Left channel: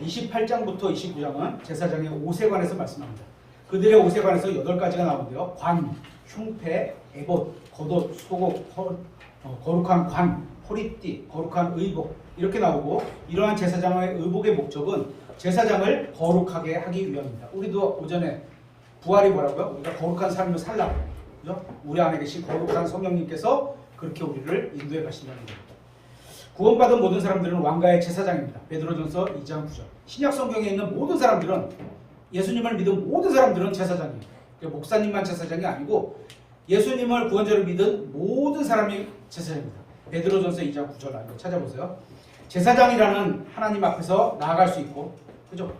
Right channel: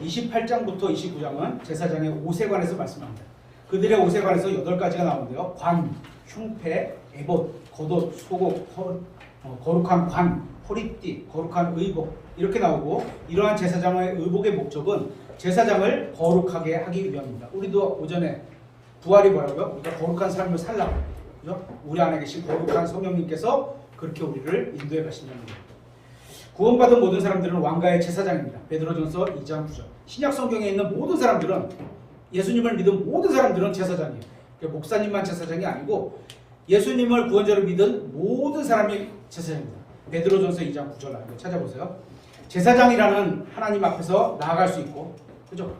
28장부터 29장은 제사장의 옷에 관해서 말씀합니다. 그들의 옷에 관해서 8가지가 나오는데요. 관, 흉패, 에봇, 겉옷, 속옷, 거룩한 관, 허리띠, 거룩한 의복 이렇게 나오고, 이러한 제사장의 의복의 목적은 제사장을 거룩하게 하기 위함입니다. 우리도 오전에 부활이 뭐라고요? 우리가 거룩한 삶을 살라고, 그죠? 우리 안에 계신 거룩한 성령님께서 그렇게 우리를 인도해 가신다는 겁니다. 구원받은 모든 사람들은 왕가의 제사장입니다. 베드로전서 2장 9절. 신약 성경에 있는 모든 사람들은, 예수님을 믿은 모든 사람들은 제사장이에요. 그러니까 목사님만 제사장이 아니고 예수님을 구원자로 믿은 모든 사람이 제사장입니다. 베드로전서 2장 9절 찾아보세요. 제사장이라는 하나님 앞에서 나아갈 수 있고, 그죠?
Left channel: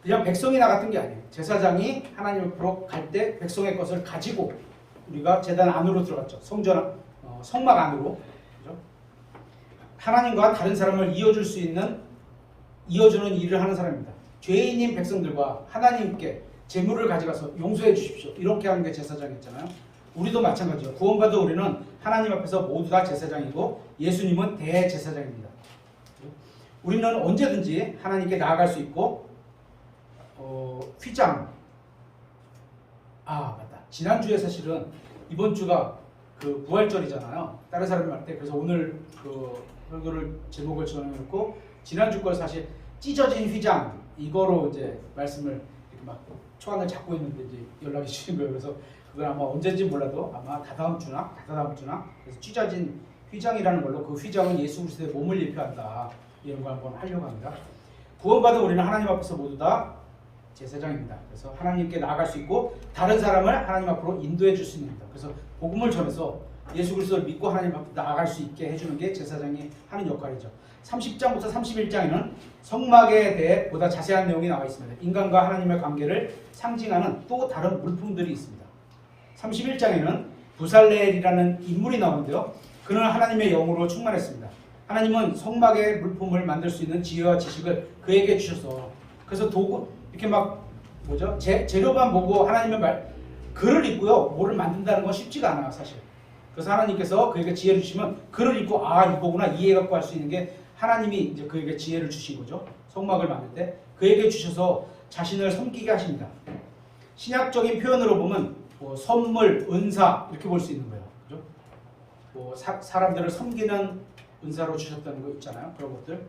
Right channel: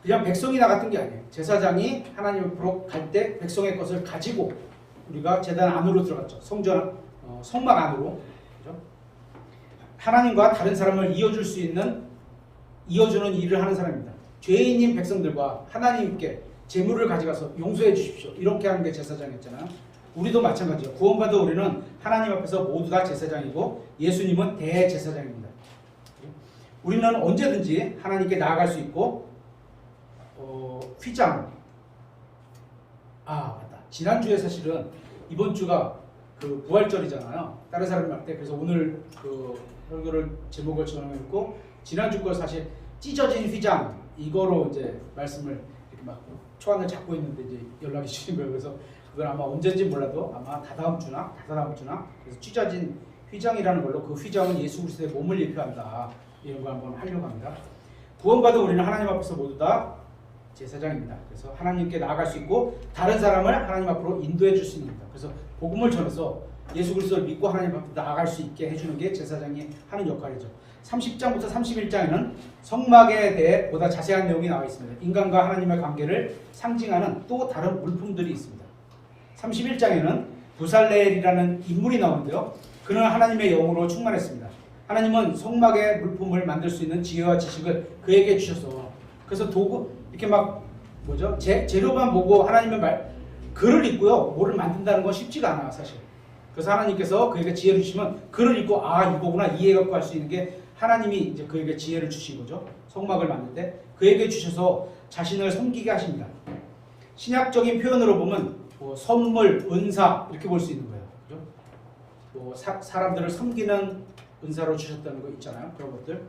그냥 백성이 나갔던 게 아니에요. 제사장이 하나님 앞으로 갈 때 백성의 것을 가지고 우리가 제단 안으로 들어갔죠. 성막 안으로, 그죠? 하나님과 다른 사람을 이어주는 일을 하는 사람입니다. 죄인인 백성들과 하나님께 재물을 가져가서 용서해 주십시오, 이렇게 하는 게 제사장이었잖아요. 우리도 마찬가지예요. 구원받은 우리는 하나님 앞에서 모두 다 제사장이고 예수님은 대제사장입니다. 우리는 언제든지 하나님께 나아갈 수 있고, 휘장, 맞다, 지난주에 사실은 이번 주가 그 부활절이잖아요. 다른 사람 말 때. 그래서 오늘 그 설교를 제목을 정해놓고 지난주 걸 사실 찢어진 휘장, 이거로 이제 말씀을 이렇게 막 초안을 잡고 있는데 이제 연락이 주신 거예요. 그래서 그건 아마 언제인지 몰라도 아마 다다음 주나 그래서 찢어진 휘장이라는 걸로, 그 휘장은 예수 그리스도의 몸을 예표한다, 이런 거 한번 하려고 합니다. 구원받은 우리는 하나님 앞에서 모두 다 제사장입니다. 그래서 하나님께 나아갈 수 있고 다른 사람을 하나님 앞으로 인도해 줄 수 있는 겁니다. 그래서 복음을 전해서 예수 그리스도를 믿고 하나님 앞에 나아갈 수 있게 해주는 게 제사장이 하는 역할이죠. 30장부터 31장에는 성막에 대해 보다 자세한 내용이 나와 있습니다. 인간과 하나님의 관계를 상징하는 또 다른 물품들이 있습니다. 31장에는 부살레엘이라는 인물이 나오는데요. 그는 하나님의 영으로 충만했습니다. 하나님은 성막의 물품을 만들 수 있는 지혜와 지식을 그에게 주셔서, 그래서 도구 이렇게 막 재료만 보고 하나님의 글을 읽고요, 뭐를 만든다는 건 쉽지가 않아 사실. 그래서 하나님께서 그에게 지혜를 주시면 글을 읽고 이거구나 이해갖고 할 수 있는 게 하나님이 이제 그에게 지혜를 주신 거죠. 성막을 만들 때 그에게 주셔서 자신을 섬기게 하십니다. 신약적인 표현으로 보면 선물, 은사 이렇게 볼 수 있는 거예요. 그죠? 사람들을 섬기는 은사로 주셨다는 거 있잖아요. 그런 것들.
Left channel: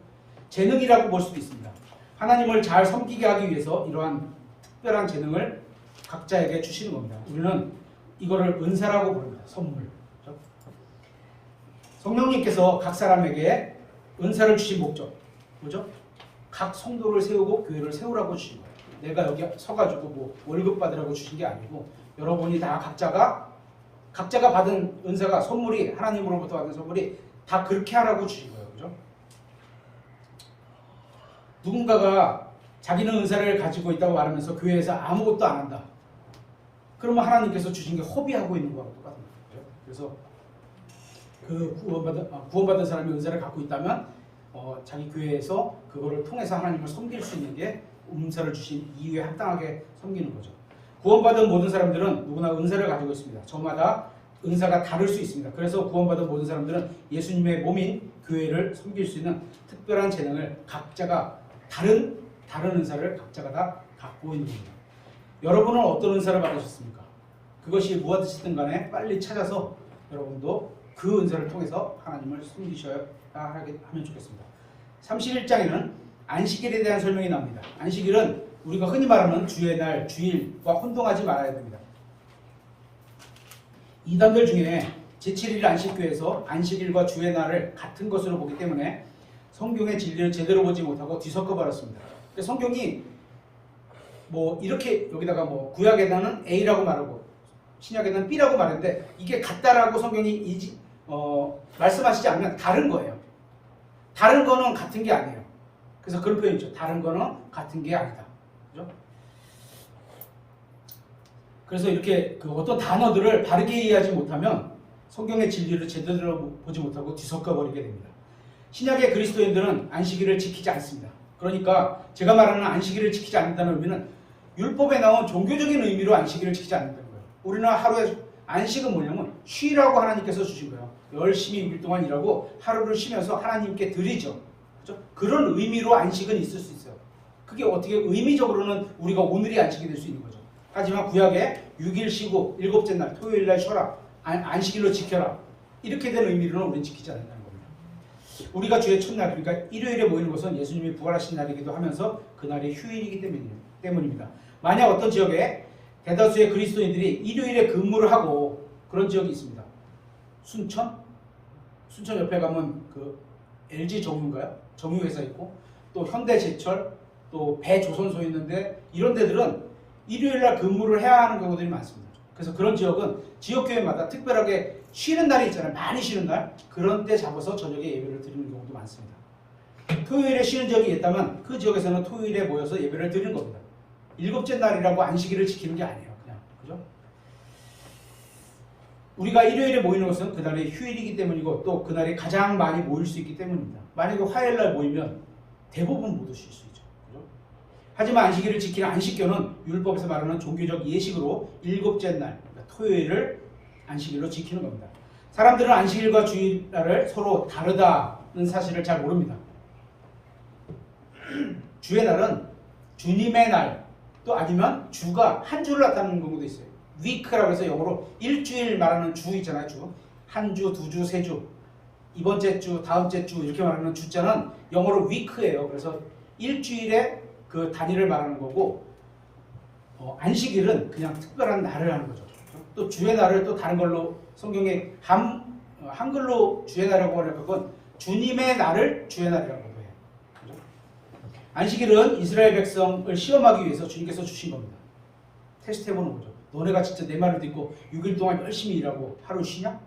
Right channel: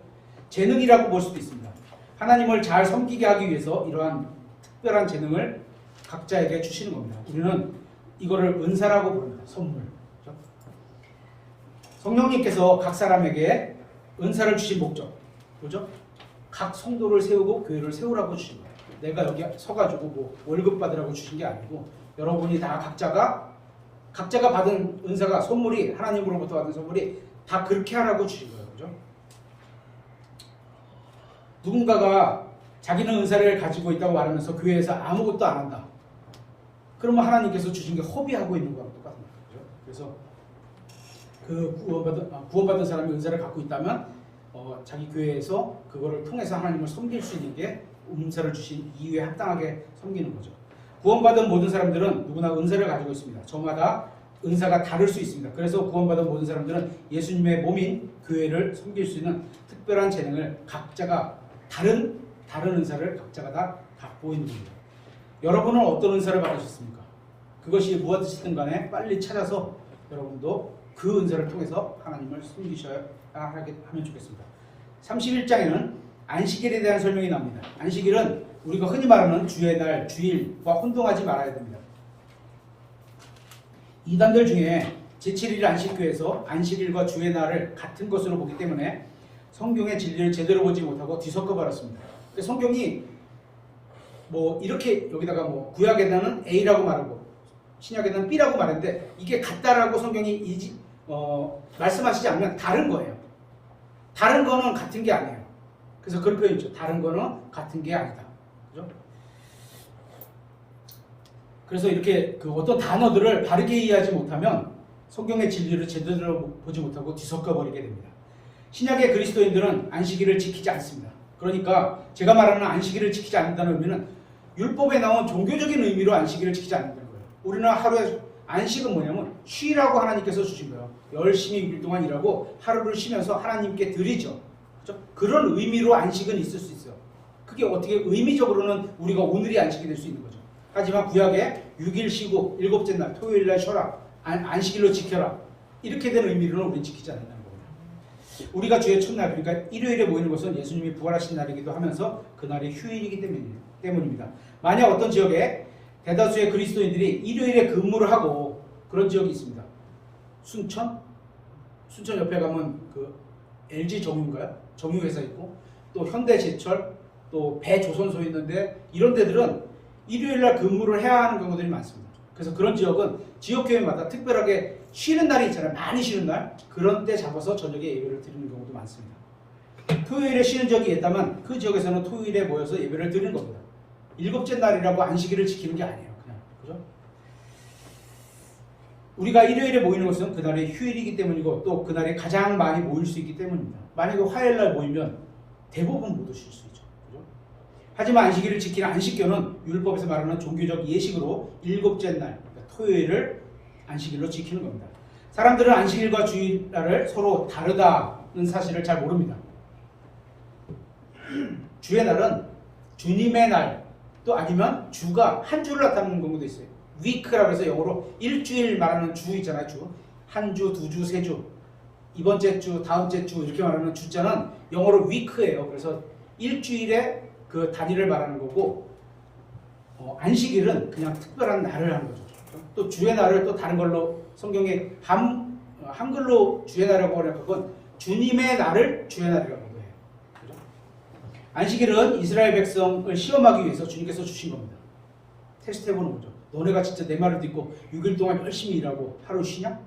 재능이라고 볼 수도 있습니다. 하나님을 잘 섬기게 하기 위해서 이러한 특별한 재능을 각자에게 주시는 겁니다. 우리는 이거를 은사라고 부릅니다. 선물. 그렇죠? 성령님께서 각 사람에게 은사를 주신 목적, 뭐죠? 각 성도를 세우고 교회를 세우라고 주신 거예요. 내가 여기 서가지고 뭐 월급 받으라고 주신 게 아니고, 여러분이 다 각자가 받은 은사가, 선물이, 하나님으로부터 받은 선물이 다 그렇게 하라고 주신 거예요. 그죠? 누군가가 자기는 은사를 가지고 있다고 말하면서 교회에서 아무것도 안 한다. 그러면 하나님께서 주신 게 허비하고 있는 거하고 똑같은 거예요. 그죠? 그래서 그 구원받은 사람이 은사를 갖고 있다면 자기 교회에서 그거를 통해서 하나님을 섬길 수 있는 게 은사를 주신 이유에 합당하게 섬기는 거죠. 구원받은 모든 사람들은 누구나 은사를 가지고 있습니다. 저마다 은사가 다를 수 있습니다. 그래서 구원받은 모든 사람들은 예수님의 몸인 교회를 섬길 수 있는 특별한 재능을 각자가 다른 은사를 각자가 다 갖고 있는 겁니다. 여러분은 어떤 은사를 받으셨습니까? 그것이 무엇이든 간에 빨리 찾아서 여러분도 그 은사를 통해서 하나님을 섬기셔야 하면 좋겠습니다. 31장에는 안식일에 대한 설명이 나옵니다. 안식일은 우리가 흔히 말하는 주의 날, 주일과 혼동하지 말아야 됩니다. 이단들 중에 제7일 안식교에서 안식일과 주의 날을 같은 것으로 보기 때문에 성경의 진리를 제대로 보지 못하고 뒤섞어 버렸습니다. 성경이 뭐 이렇게 여기다가 뭐 구약에는 A라고 말하고 신약에는 B라고 말했는데, 이게 같다라고 성경이 말씀하시지 않으면 다른 거예요. 다른 거는 같은 게 아니에요. 그래서 그런 표현 있죠. 다른 거는 같은 게 아니다. 그죠? 그래서 이렇게 어떤 단어들을 바르게 이해하지 못하면 성경의 진리를 제대로 보지 못하고 뒤섞어 버리게 됩니다. 신약의 그리스도인들은 안식일을 지키지 않습니다. 그러니까 제가 말하는 안식일을 지키지 않는다는 의미는 율법에 나온 종교적인 의미로 안식일을 지키지 않는다는 거예요. 우리는 하루에 안식은 뭐냐면 쉬라고 하나님께서 주신 거예요. 열심히 6일 동안 일하고 하루를 쉬면서 하나님께 드리죠. 그죠? 그런 의미로 안식은 있을 수 있어요. 그게 어떻게 의미적으로는 우리가 오늘이 안식이 될 수 있는 거죠. 하지만 구약에 6일 쉬고 일곱째 날 토요일 날 쉬어라. 안식일로 지켜라. 이렇게 된 의미로는 우리는 지키지 않는다는 겁니다. 우리가 주의 첫날 그러니까 일요일에 모이는 것은 예수님이 부활하신 날이기도 하면서 그날이 휴일이기 때문입니다. 만약 어떤 지역에 대다수의 그리스도인들이 일요일에 근무를 하고 그런 지역이 있습니다. 순천 옆에 가면 그 LG 정유인가요? 정유회사 있고 또 현대제철 또 배조선소 있는데 이런 데들은 일요일날 근무를 해야 하는 경우들이 많습니다. 그래서 그런 지역은 지역교회마다 특별하게 쉬는 날이 있잖아요. 많이 쉬는 날 그런 때 잡아서 저녁에 예배를 드리는 경우도 많습니다. 토요일에 쉬는 지역이 있다면 그 지역에서는 토요일에 모여서 예배를 드리는 겁니다. 일곱째 날이라고 안식일을 지키는 게 아니에요. 그냥 그죠? 우리가 일요일에 모이는 것은 그날의 휴일이기 때문이고 또 그날에 가장 많이 모일 수 있기 때문입니다. 만약에 화요일날 모이면 대부분 못 오실 수 있죠. 그죠? 하지만 안식일을 지키는 안식교는 율법에서 말하는 종교적 예식으로 일곱째 날 그러니까 토요일을 안식일로 지키는 겁니다. 사람들은 안식일과 주일날을 서로 다르다는 사실을 잘 모릅니다. 주의 날은 주님의 날 또 아니면 주가 한 주를 나타내는 경우도 있어요. 위크라고 해서 영어로 일주일 말하는 주 있잖아요. 주. 한 주, 두 주, 세 주. 이번째 주, 다음째 주 이렇게 말하는 주자는 영어로 위크예요. 그래서 일주일의 그 단위를 말하는 거고 안식일은 그냥 특별한 날을 하는 거죠. 또 주의 날을 또 다른 걸로 성경에 한글로 주의 날이라고 하는 건 주님의 날을 주의 날이라고 안식일은 이스라엘 백성을 시험하기 위해서 주님께서 주신 겁니다. 테스트해보는 거죠. 너네가 진짜 내 말을 듣고 6일 동안 열심히 일하고 하루 쉬냐?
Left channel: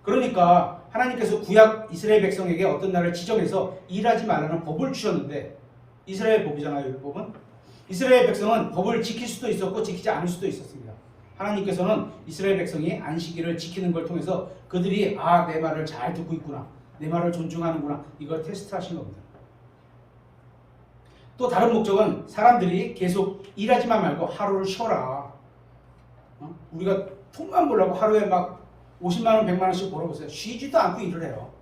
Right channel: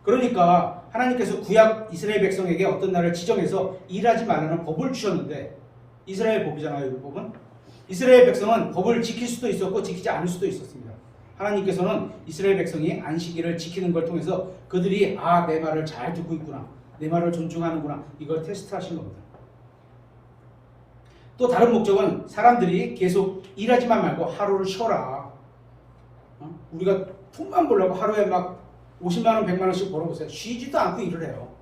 그러니까 하나님께서 구약 이스라엘 백성에게 어떤 날을 지정해서 일하지 말라는 법을 주셨는데 이스라엘 법이잖아요. 율법은. 이스라엘 백성은 법을 지킬 수도 있었고 지키지 않을 수도 있었습니다. 하나님께서는 이스라엘 백성이 안식일을 지키는 걸 통해서 그들이 내 말을 잘 듣고 있구나. 내 말을 존중하는구나. 이걸 테스트하신 겁니다. 또 다른 목적은 사람들이 계속 일하지만 말고 하루를 쉬어라. 우리가 돈만 벌려고 하루에 막 50만 원, 100만 원씩 벌어보세요. 쉬지도 않고 일을 해요.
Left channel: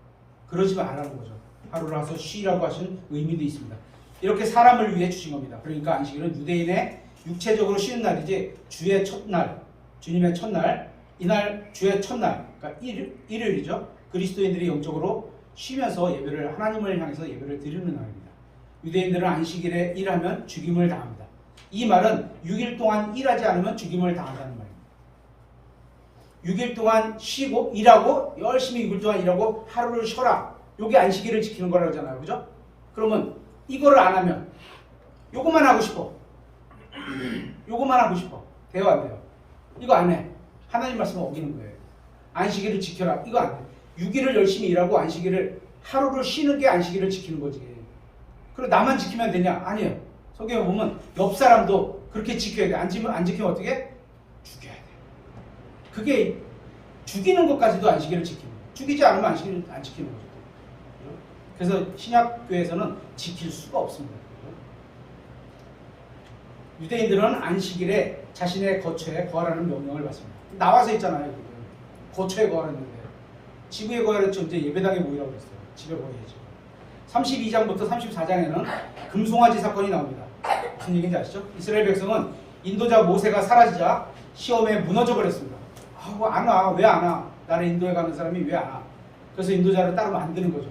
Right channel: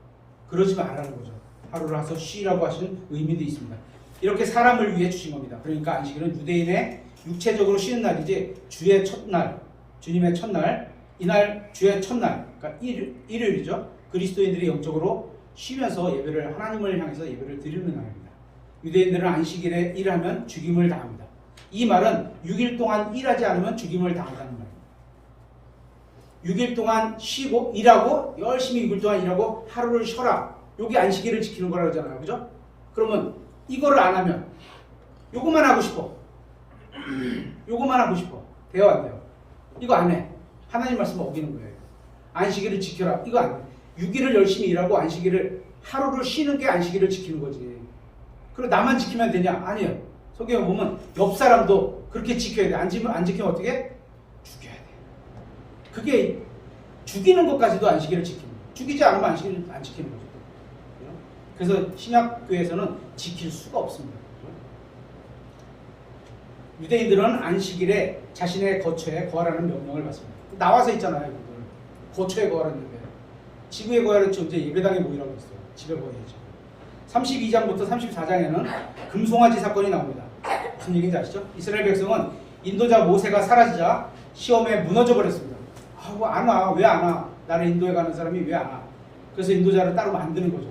그러지 말라는 거죠. 하루를 와서 쉬라고 하신 의미도 있습니다. 이렇게 사람을 위해 주신 겁니다. 그러니까 안식일은 유대인의 육체적으로 쉬는 날이지 주의 첫날, 주님의 첫날, 이날 주의 첫날, 그러니까 일요일이죠. 그리스도인들이 영적으로 쉬면서 예배를 하나님을 향해서 예배를 드리는 날입니다. 유대인들은 안식일에 일하면 죽임을 당합니다. 이 말은 6일 동안 일하지 않으면 죽임을 당한다는 말입니다. 6일 동안 쉬고 일하고 열심히 6일 동안 일하고 하루를 쉬어라. 이게 안식일을 지키는 거라고 하잖아요. 그죠? 그러면 이거를 안 하면 요거만 하고 싶어. 요거만 하고 싶어. 돼요 안 돼요? 이거 안 해. 하나님 말씀을 어기는 거예요. 안식일을 지켜라. 이거 안 돼. 6일을 열심히 일하고 안식일을 하루를 쉬는 게 안식일을 지키는 거지. 그리고 나만 지키면 되냐? 아니에요. 성경에 보면 옆 사람도 그렇게 지켜야 돼. 안 지키면 어떻게? 죽여야 돼. 그게 죽이는 것까지도 안식일을 지키는 거예요. 죽이지 않으면 안식일을 안 지키는 거죠. 그래서 신약교회에서는 지킬 수가 없습니다. 유대인들은 안식일에 자신의 거처에 거하라는 명령을 받습니다. 나와서 있잖아요. 거처에 거하라는데 집에 거하랬지 언제 예배당에 모이라고 했어요. 집에 거해야지. 32장부터 34장에는 금송아지 사건이 나옵니다. 무슨 얘기인지 아시죠? 이스라엘 백성은 인도자 모세가 사라지자 시험에 무너져 버렸습니다. 뭐 안 와? 왜 안 와? 나를 인도에 가는 사람이 왜 안 와? 그래서 인도자를 따로 만드는 거죠.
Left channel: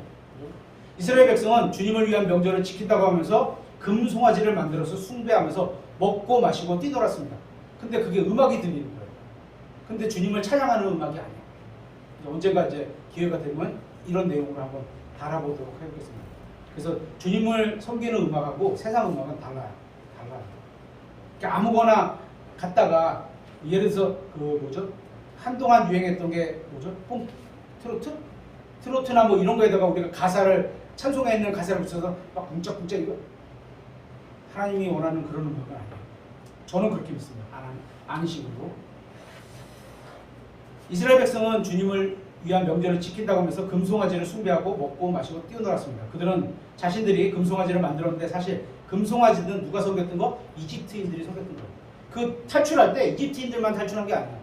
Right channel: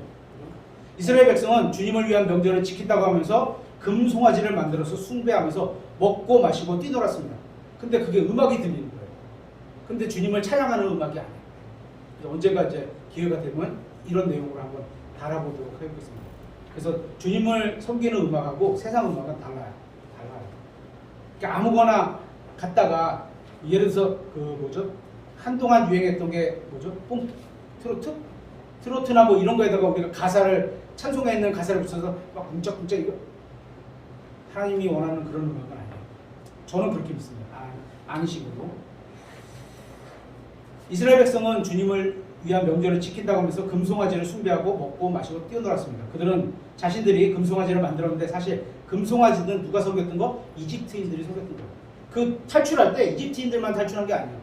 이스라엘 백성은 주님을 위한 명절을 지킨다고 하면서 금송아지를 만들어서 숭배하면서 먹고 마시고 뛰놀았습니다. 근데 그게 음악이 들리는 거예요. 근데 주님을 찬양하는 음악이 아니에요. 언젠가 이제 기회가 되면 이런 내용으로 한번 달아보도록 해보겠습니다. 그래서 주님을 섬기는 음악하고 세상 음악은 달라요. 그러니까 아무거나 갖다가 예를 들어서 한동안 유행했던 게 트로트나 뭐 이런 거에다가 우리가 가사를 찬송에 있는 가사를 붙여서 막 쿵짝쿵짝 이거 하나님이 원하는 그런 음악은 아니에요. 저는 그렇게 믿습니다. 아는 식으로 이스라엘 백성은 주님을 위한 명절을 지킨다고 하면서 금송아지를 숭배하고 먹고 마시고 뛰어놀았습니다. 그들은 자신들이 금송아지를 만들었는데 사실 금송아지는 누가 섬겼던 거? 이집트인들이 섬겼던 거예요. 그 탈출할 때 이집트인들만 탈출한 게 아니에요.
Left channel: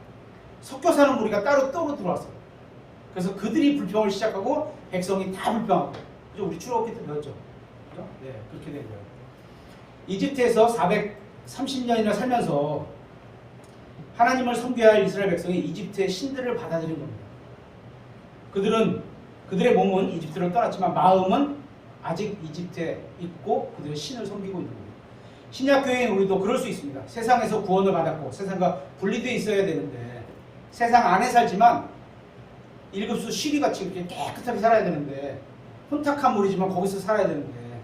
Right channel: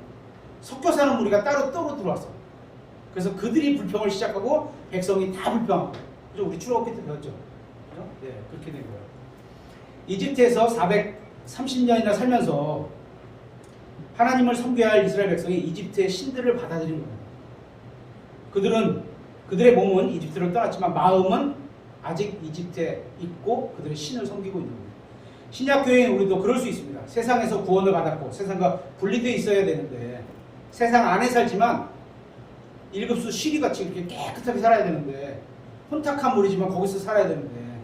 섞여 사는 무리가 따로 들어왔어요. 그래서 그들이 불평을 시작하고 백성이 다 불평하고 그죠? 우리 출애굽기 때 배웠죠. 그죠? 네, 그렇게 된 거예요. 이집트에서 430년이나 살면서 하나님을 섬겨야 할 이스라엘 백성이 이집트의 신들을 받아들인 겁니다. 그들의 몸은 이집트로 떠났지만 마음은 아직 이집트에 있고 그들의 신을 섬기고 있는 겁니다. 신약교회인 우리도 그럴 수 있습니다. 세상에서 구원을 받았고 세상과 분리되어 있어야 되는데 세상 안에 살지만 일급수 시리같이 이렇게 깨끗하게 살아야 되는데 혼탁한 물이지만 거기서 살아야 되는데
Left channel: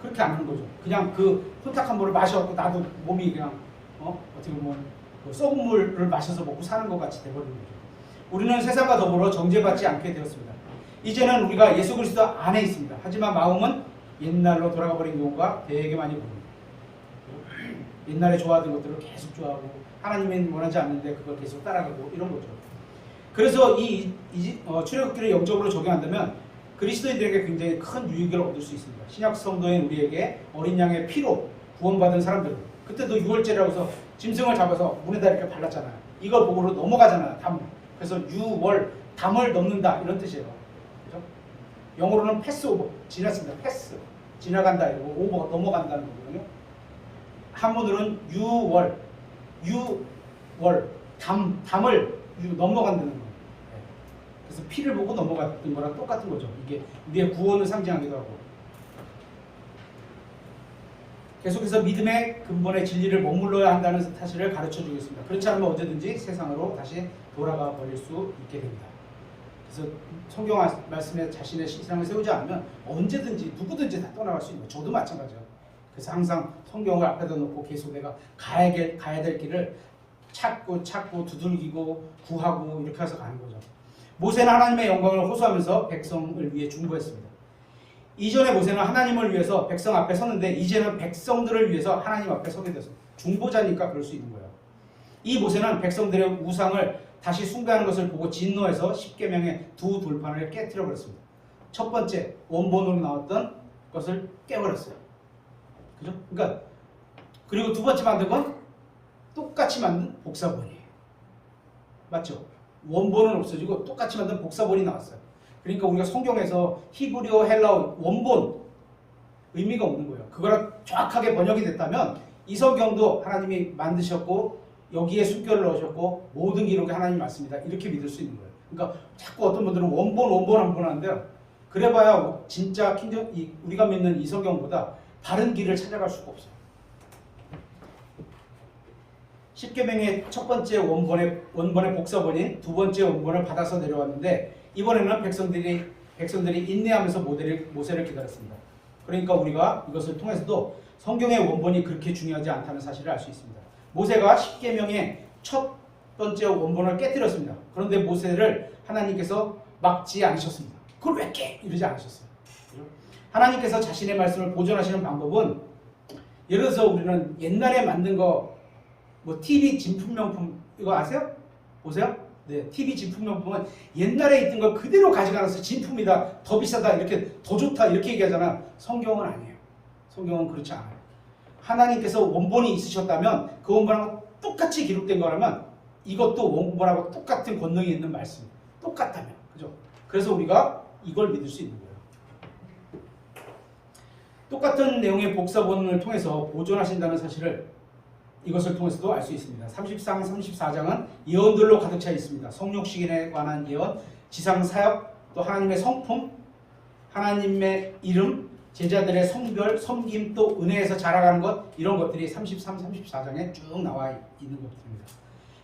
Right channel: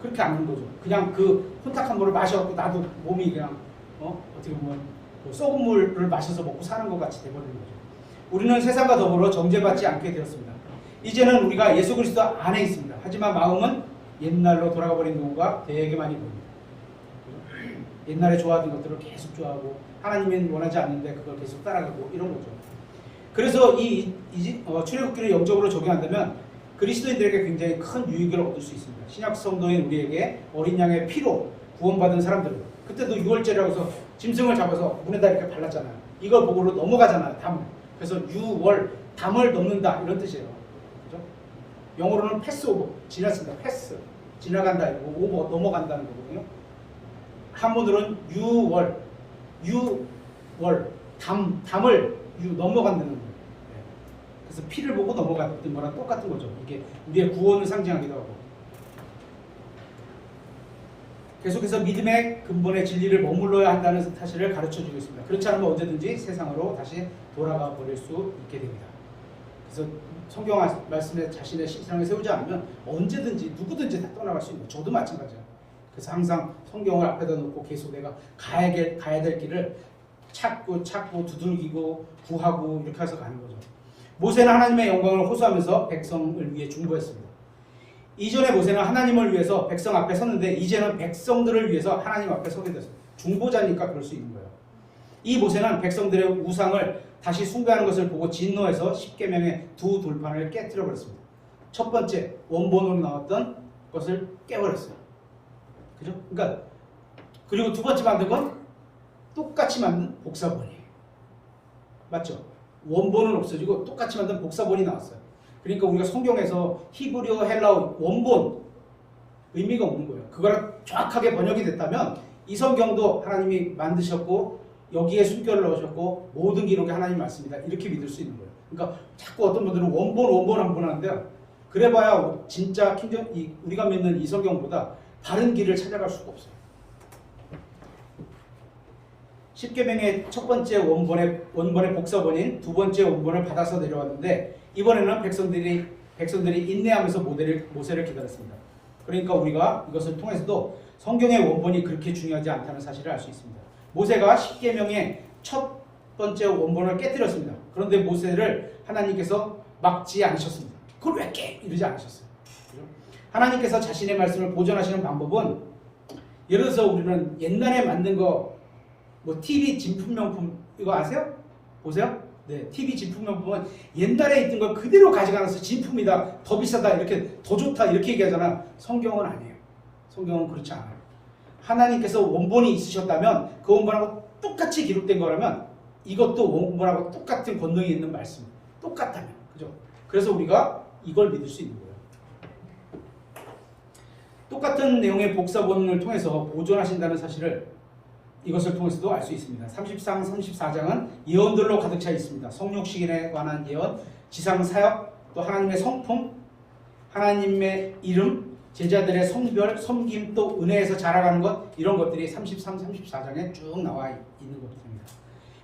그렇게 안 하는 거죠. 그냥 그 혼탁한 물을 마셔갖고 나도 몸이 그냥 어떻게 보면 썩은 물을 마셔서 먹고 사는 것 같이 돼버리는 거죠. 우리는 세상과 더불어 정죄받지 않게 되었습니다. 이제는 우리가 예수 그리스도 안에 있습니다. 하지만 마음은 옛날로 돌아가 버린 경우가 되게 많이 보입니다. 옛날에 좋아하던 것들을 계속 좋아하고 하나님은 원하지 않는데 그걸 계속 따라가고 이런 거죠. 그래서 출애굽기를 영적으로 적용한다면 그리스도인들에게 굉장히 큰 유익을 얻을 수 있습니다. 신약 성도인 우리에게 어린 양의 피로 구원받은 사람들은 그때도 유월절이라고 해서 짐승을 잡아서 문에다 이렇게 발랐잖아요. 이걸 보고 넘어가잖아요. 담. 그래서 유월 담을 넘는다 이런 뜻이에요. 그죠? 영어로는 패스오버 지났습니다. 패스 지나간다 이거 오버 넘어간다는 거거든요. 한문으로는 유월 담을 넘어간다는 거예요. 그래서 피를 보고 넘어갔던 거랑 똑같은 거죠. 이게 우리의 구원을 상징하기도 하고. 계속해서 믿음의 근본의 진리를 머물러야 한다는 사실을 가르쳐 주겠습니다. 그렇지 않으면 언제든지 세상으로 다시 돌아가 버릴 수 있게 됩니다. 그래서 성경 말씀에 자신의 신앙을 세우지 않으면 언제든지 누구든지 다 떠나갈 수 있는 거예요. 저도 마찬가지예요. 그래서 항상 성경을 앞에다 놓고 계속 내가 가야 될 길을 찾고 두들기고 구하고 이렇게 해서 가는 거죠. 모세는 하나님의 영광을 호소하면서 백성을 위해 중보했습니다. 이전에 모세는 하나님을 위해서 백성 앞에 섰는데 이제는 백성들을 위해서 하나님 앞에 서게 됐습니다. 중보자니까 그럴 수 있는 거예요. 이 모세는 백성들의 우상을 다시 숭배하는 것을 보고 진노해서 십계명의 두 돌판을 깨뜨려 버렸습니다. 첫 번째 원본으로 나왔던 것을 깨버렸어요. 그죠? 그러니까 그리고 두 번째 만든 건 똑같이 만든 복사본이에요. 맞죠? 원본은 없어지고 똑같이 만든 복사본이 나왔어요. 그러니까 우리가 성경에서 히브리어, 헬라어 원본 의미가 없는 거예요. 그거랑 정확하게 번역이 됐다면 이 성경도 하나님이 만드셨고 여기에 숨결을 넣으셨고 모든 기록이 하나님 말씀이다 이렇게 믿을 수 있는 거예요. 그러니까 자꾸 어떤 분들은 원본 하는데요. 그래봐야 진짜 우리가 믿는 이 성경보다 바른 길을 찾아갈 수가 없어요. 십계명의 첫 번째 원본의 복사본인 두 번째 원본을 받아서 내려왔는데 이번에는 백성들이 인내하면서 모세를 기다렸습니다. 그러니까 우리가 이것을 통해서도 성경의 원본이 그렇게 중요하지 않다는 사실을 알 수 있습니다. 모세가 십계명의 첫 번째 원본을 깨뜨렸습니다. 그런데 모세를 하나님께서 막지 않으셨습니다. 그걸 왜 깨? 이러지 않으셨어요. 그렇죠? 하나님께서 자신의 말씀을 보존하시는 방법은 예를 들어서 우리는 옛날에 만든 거 TV 진품명품 이거 아세요? 보세요. 네, TV 진품명품은 옛날에 있던 걸 그대로 가져가서 진품이다, 더 비싸다, 이렇게 더 좋다 이렇게 얘기하잖아요. 성경은 아니에요. 성경은 그렇지 않아요. 하나님께서 원본이 있으셨다면 그 원본하고 똑같이 기록된 거라면 이것도 원본하고 똑같은 권능이 있는 말씀, 똑같다면, 그죠? 그래서 우리가 이걸 믿을 수 있는 거예요. 똑같은 내용의 복사본을 통해서 보존하신다는 사실을 이것을 통해서도 알 수 있습니다. 33, 34장은 예언들로 가득 차 있습니다. 성육신에 관한 예언, 지상 사역, 또 하나님의 성품, 하나님의 이름, 제자들의 성별, 섬김, 또 은혜에서 자라가는 것, 이런 것들이 33, 34장에 쭉 나와 있는 것들입니다.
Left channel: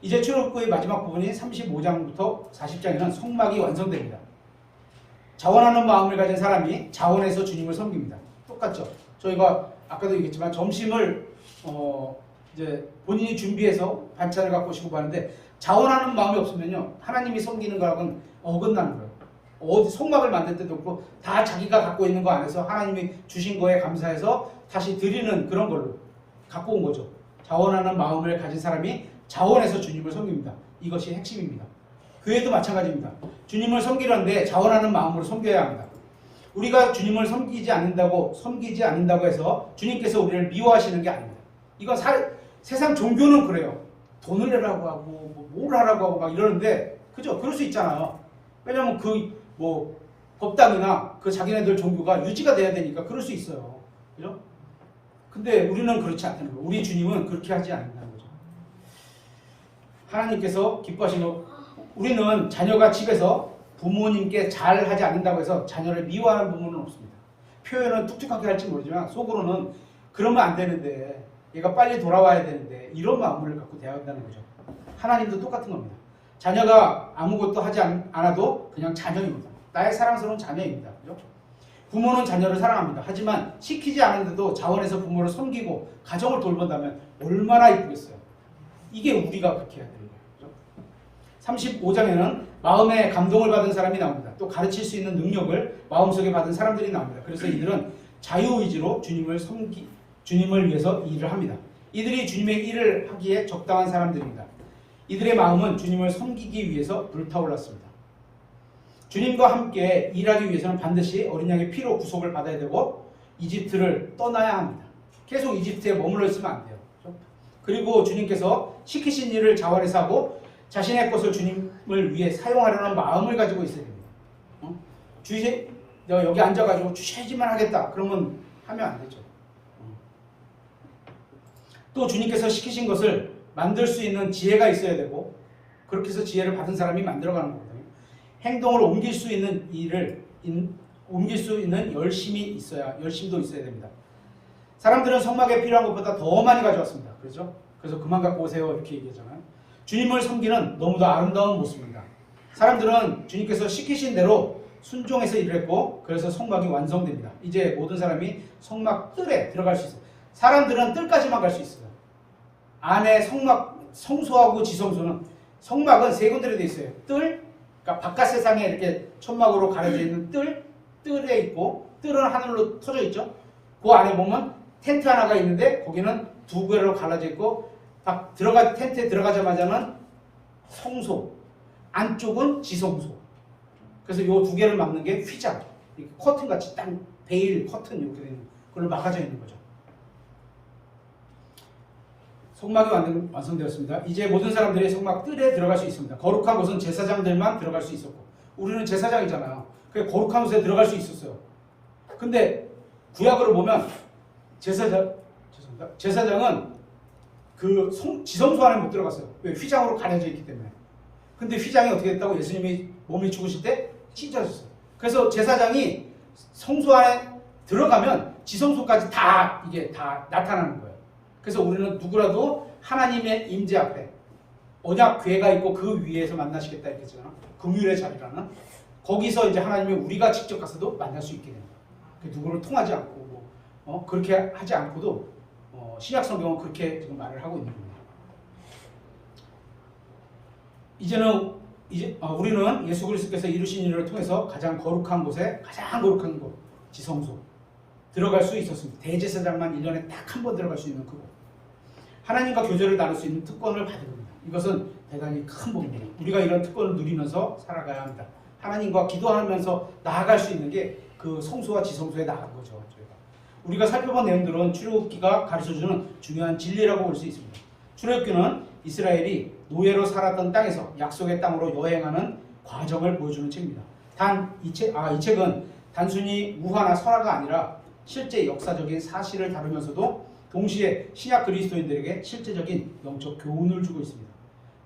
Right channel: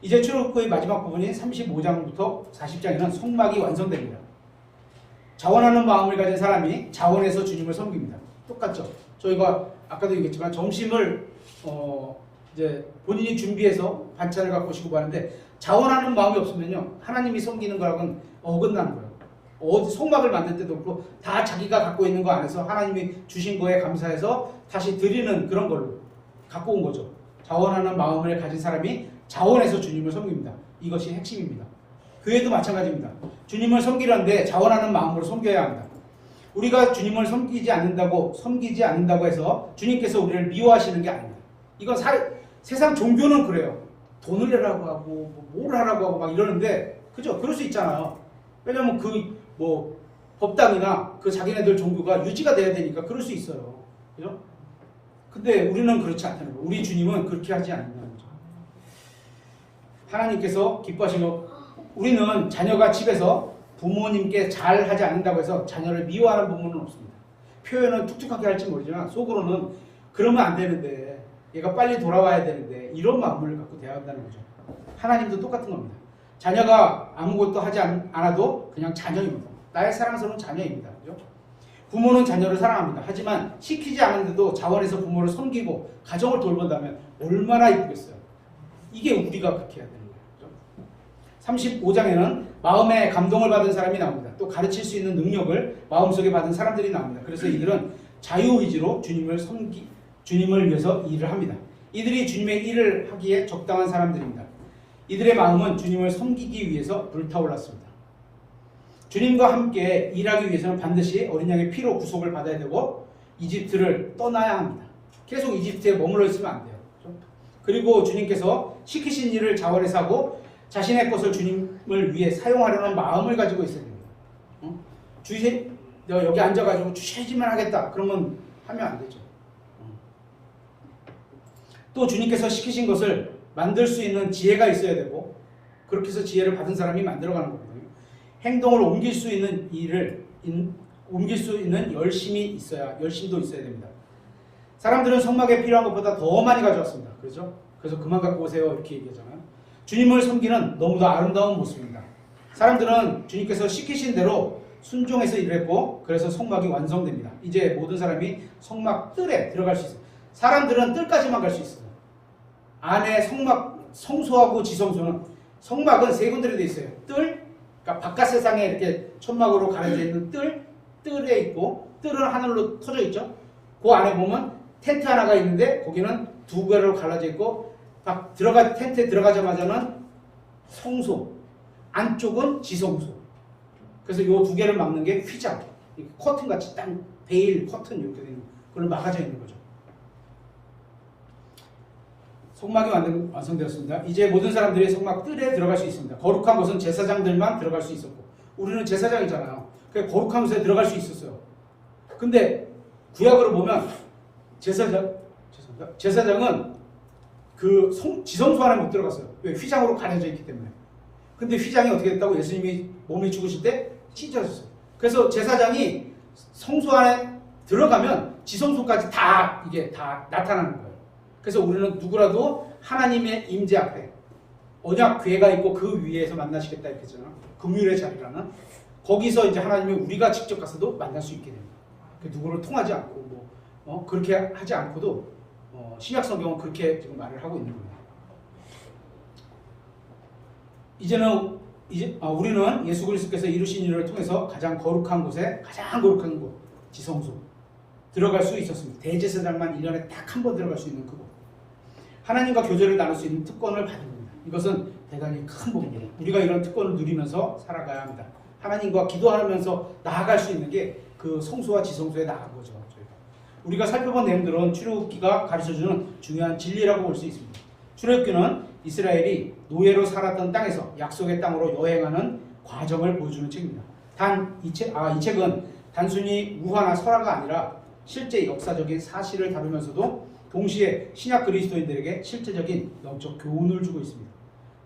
이제 출애굽기의 마지막 부분인 35장부터 40장에는 성막이 완성됩니다. 자원하는 마음을 가진 사람이 자원해서 주님을 섬깁니다. 똑같죠? 저희가 아까도 얘기했지만 점심을 이제 본인이 준비해서 반찬을 갖고 오시고 가는데 자원하는 마음이 없으면요 하나님이 섬기는 거랑은 어긋나는 거예요. 성막을 만들 때도 그렇고 다 자기가 갖고 있는 거 안에서 하나님이 주신 거에 감사해서 다시 드리는 그런 걸로 갖고 온 거죠. 자원하는 마음을 가진 사람이 자원해서 주님을 섬깁니다. 이것이 핵심입니다. 교회도 마찬가지입니다. 주님을 섬기려는데 자원하는 마음으로 섬겨야 합니다. 우리가 주님을 섬기지 않는다고 해서 주님께서 우리를 미워하시는 게 아닙니다. 이건 세상 종교는 그래요. 돈을 내라고 하고 뭘 하라고 하고 막 이러는데, 그죠? 그럴 수 있잖아요. 왜냐면 법당이나 그 자기네들 종교가 유지가 돼야 되니까 그럴 수 있어요. 그죠? 근데 우리는 그렇지 않다는 거예요. 우리 주님은 그렇게 하지 않는다는 거죠. 하나님께서 기뻐하신 거, 우리는 자녀가 집에서 부모님께 잘 하지 않는다고 해서 자녀를 미워하는 부모는 없습니다. 표현은 툭툭하게 할지 모르지만 속으로는 그러면 안 되는데, 얘가 빨리 돌아와야 되는데, 이런 마음을 갖고 대한다는 거죠. 하나님도 똑같은 겁니다. 자녀가 아무것도 하지 않아도 그냥 자녀입니다. 나의 사랑스러운 자녀입니다. 그죠? 부모는 자녀를 사랑합니다. 하지만 시키지 않은데도 자원해서 부모를 섬기고 가정을 돌본다면 얼마나 이쁘겠어요. 이게 우리가 그렇게 해야 되는 거예요. 그죠? 35장에는 마음에 감동을 받은 사람이 나옵니다. 또 가르칠 수 있는 능력을 마음속에 받은 사람들이 나옵니다. 그래서 이들은 자유의지로 주님을 위해서 일을 합니다. 이들이 주님의 일을 하기에 적당한 사람들입니다. 이들의 마음은 주님을 섬기기 위해서 불타올랐습니다. 주님과 함께 일하기 위해서는 반드시 어린 양의 피로 구속을 받아야 되고 이집트를 떠나야 합니다. 계속 이집트에 머물러 있으면 안 돼요. 그렇죠? 그리고 주님께서 시키신 일을 자원해서 하고 자신의 것을 주님을 위해 사용하려는 마음을 가지고 있어야 됩니다. 여기 앉아가지고 주시지만 하겠다. 그러면 하면 안 되죠. 또 주님께서 시키신 것을 만들 수 있는 지혜가 있어야 되고 그렇게 해서 지혜를 받은 사람이 만들어가는 거거든요. 행동을 옮길 수 있는 옮길 수 있는 열심도 있어야 됩니다. 사람들은 성막에 필요한 것보다 더 많이 가져왔습니다. 그렇죠? 그래서 그만 갖고 오세요 이렇게 얘기하잖아요. 주님을 섬기는 너무도 아름다운 모습입니다. 사람들은 주님께서 시키신 대로 순종해서 일을 했고 그래서 성막이 완성됩니다. 이제 모든 사람이 성막 뜰에 들어갈 수 있어요. 사람들은 뜰까지만 갈 수 있어요. 안에 성막 성소하고 지성소는 성막은 세 군데로 되어 있어요. 뜰, 그러니까 바깥 세상에 이렇게 천막으로 가려져 있는 뜰에 있고 뜰은 하늘로 터져 있죠. 그 안에 보면 텐트 하나가 있는데 거기는 두 개로 갈라져 있고 텐트에 들어가자마자는 성소, 안쪽은 지성소. 그래서 요 두 개를 막는 게 휘장, 커튼 같이 딱 베일 커튼 이렇게 되는 걸로 막아져 있는 거죠. 성막이 완성되었습니다. 이제 모든 사람들이 성막 뜰에 들어갈 수 있습니다. 거룩한 곳은 제사장들만 들어갈 수 있었고 우리는 제사장이잖아요. 그래서 거룩한 곳에 들어갈 수 있었어요. 근데 구약으로 보면 제사장은 그 지성소 안에 못 들어갔어요. 왜? 휘장으로 가려져 있기 때문에. 근데 휘장이 어떻게 됐다고? 예수님이 몸이 죽으실 때 찢어졌어요. 그래서 제사장이 성소 안에 들어가면 지성소까지 이게 다 나타나는 거예요. 그래서 우리는 누구라도 하나님의 임재 앞에 언약궤가 있고 그 위에서 만나시겠다 이렇게 했잖아. 금율의 자리라는 거기서 이제 하나님이 우리가 직접 가서도 만날 수 있게 되는 거예요. 누구를 통하지 않고 그렇게 하지 않고도 신약 성경은 그렇게 지금 말을 하고 있는 겁니다. 우리는 예수 그리스도께서 이루신 일을 통해서 가장 거룩한 곳에 가장 거룩한 곳 지성소 들어갈 수 있었습니다. 대제사장만 1년에 딱 한 번 들어갈 수 있는 그곳. 하나님과 교제를 나눌 수 있는 특권을 받은 겁니다. 이것은 대단히 큰 복입니다. 우리가 이런 특권을 누리면서 살아가야 합니다. 하나님과 기도하면서 나아갈 수 있는 게 그 성소와 지성소에 나간 거죠. 저희가. 우리가 살펴본 내용들은 출애굽기가 가르쳐주는 중요한 진리라고 볼 수 있습니다. 출애굽기는 이스라엘이 노예로 살았던 땅에서 약속의 땅으로 여행하는 과정을 보여주는 책입니다. 이 책은 단순히 우화나 설화가 아니라 실제 역사적인 사실을 다루면서도 동시에 신약 그리스도인들에게 실제적인 영적 교훈을 주고 있습니다.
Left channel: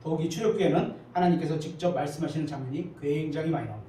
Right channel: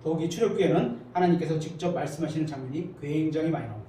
더욱이 출애굽기에는 하나님께서 직접 말씀하시는 장면이 굉장히 많이 나옵니다.